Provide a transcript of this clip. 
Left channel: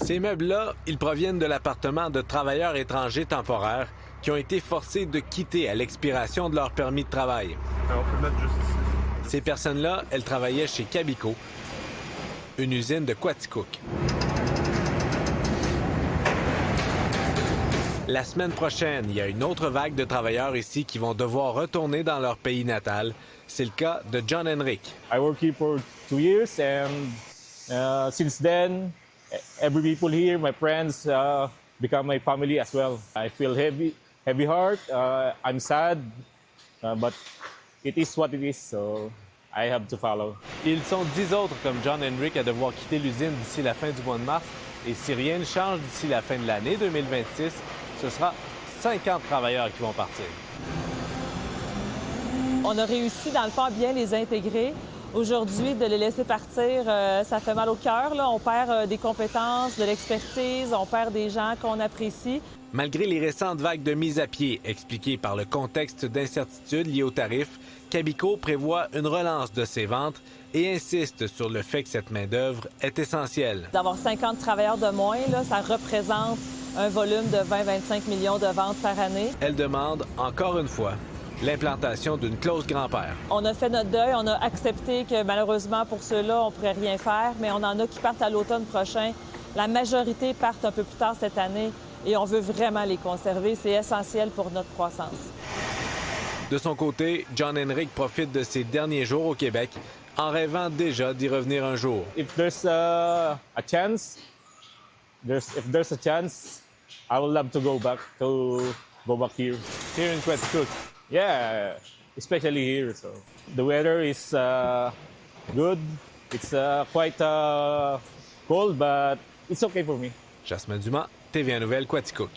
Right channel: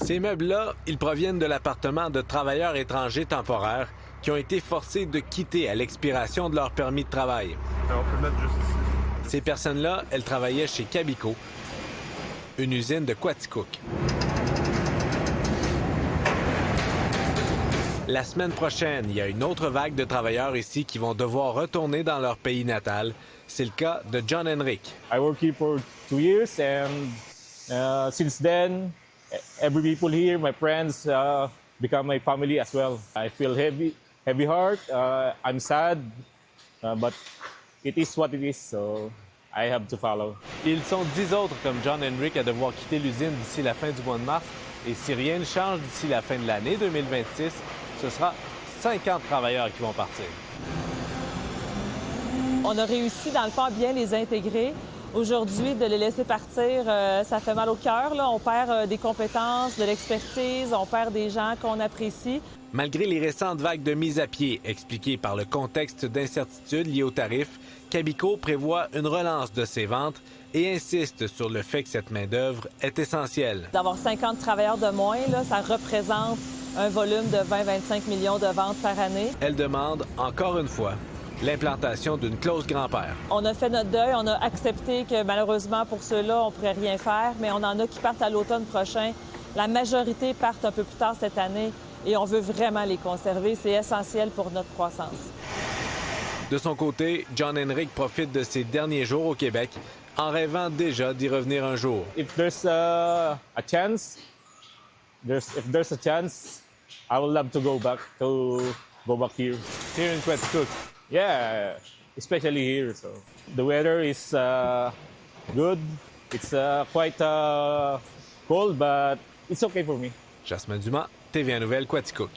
Ces meubles-là, ils proviennent de l'appartement de travailleurs étrangers temporaires qui ont été forcés de quitter à l'expiration de leur permis de travail. Alors, on peut mettre juste ici. Ces personnes-là, elles travaillaient chez Cabico, une usine de Quaticook. La semaine prochaine, il y a une autre vague de travailleurs ici qui vont devoir retourner dans leur pays natal. C'est le cas de John Henrik. I work here for 2 years, and since then, every people here, my friends, become my family as well. I feel heavy heart. I'm sad, but it is what it is, so I have to follow. Ils sont 10 autres comme John Henrik à devoir quitter l'usine d'ici la fin du mois de mars. Et si rien ne change d'ici la fin de l'année 2026, ce sera 50 travailleurs qui vont partir. On a réussi, dans le fond, à bien les intégrer. Aujourd'hui, de les laisser partir, ça fait mal au cœur. Là. On perd des compétences, de l'expertise, on perd des gens qu'on apprécie. Malgré les récentes vagues de mise à pied expliquées par le contexte d'incertitude lié aux tarifs, Cabico prévoit une relance de ses ventes et insiste sur le fait que cette main-d'œuvre est essentielle. D'avoir 50 travailleurs de moins, là, ça représente un volume de 20-25 millions de ventes par année. Elle demande, encore une fois, l'implantation d'une clause grand-père. On a fait notre deuil, on a accepté que malheureusement pour ceux-là, on ne pourrait rien faire, mais on en a qui partent à l'automne prochain. La majorité partent un peu plus tard cette année et on veut vraiment les conserver. C'est essentiel pour notre croissance. De son côté, John Henrik profite de ses derniers jours au Québec en rêvant déjà d'y revenir un jour. If there's a chance, I would love to go back here. Here in Quaticook. Yeah, especially here. So the weather is good. It's quite cold, but it's okay for me. Jasmin Dumas, TVA Nouvelle, Quaticook.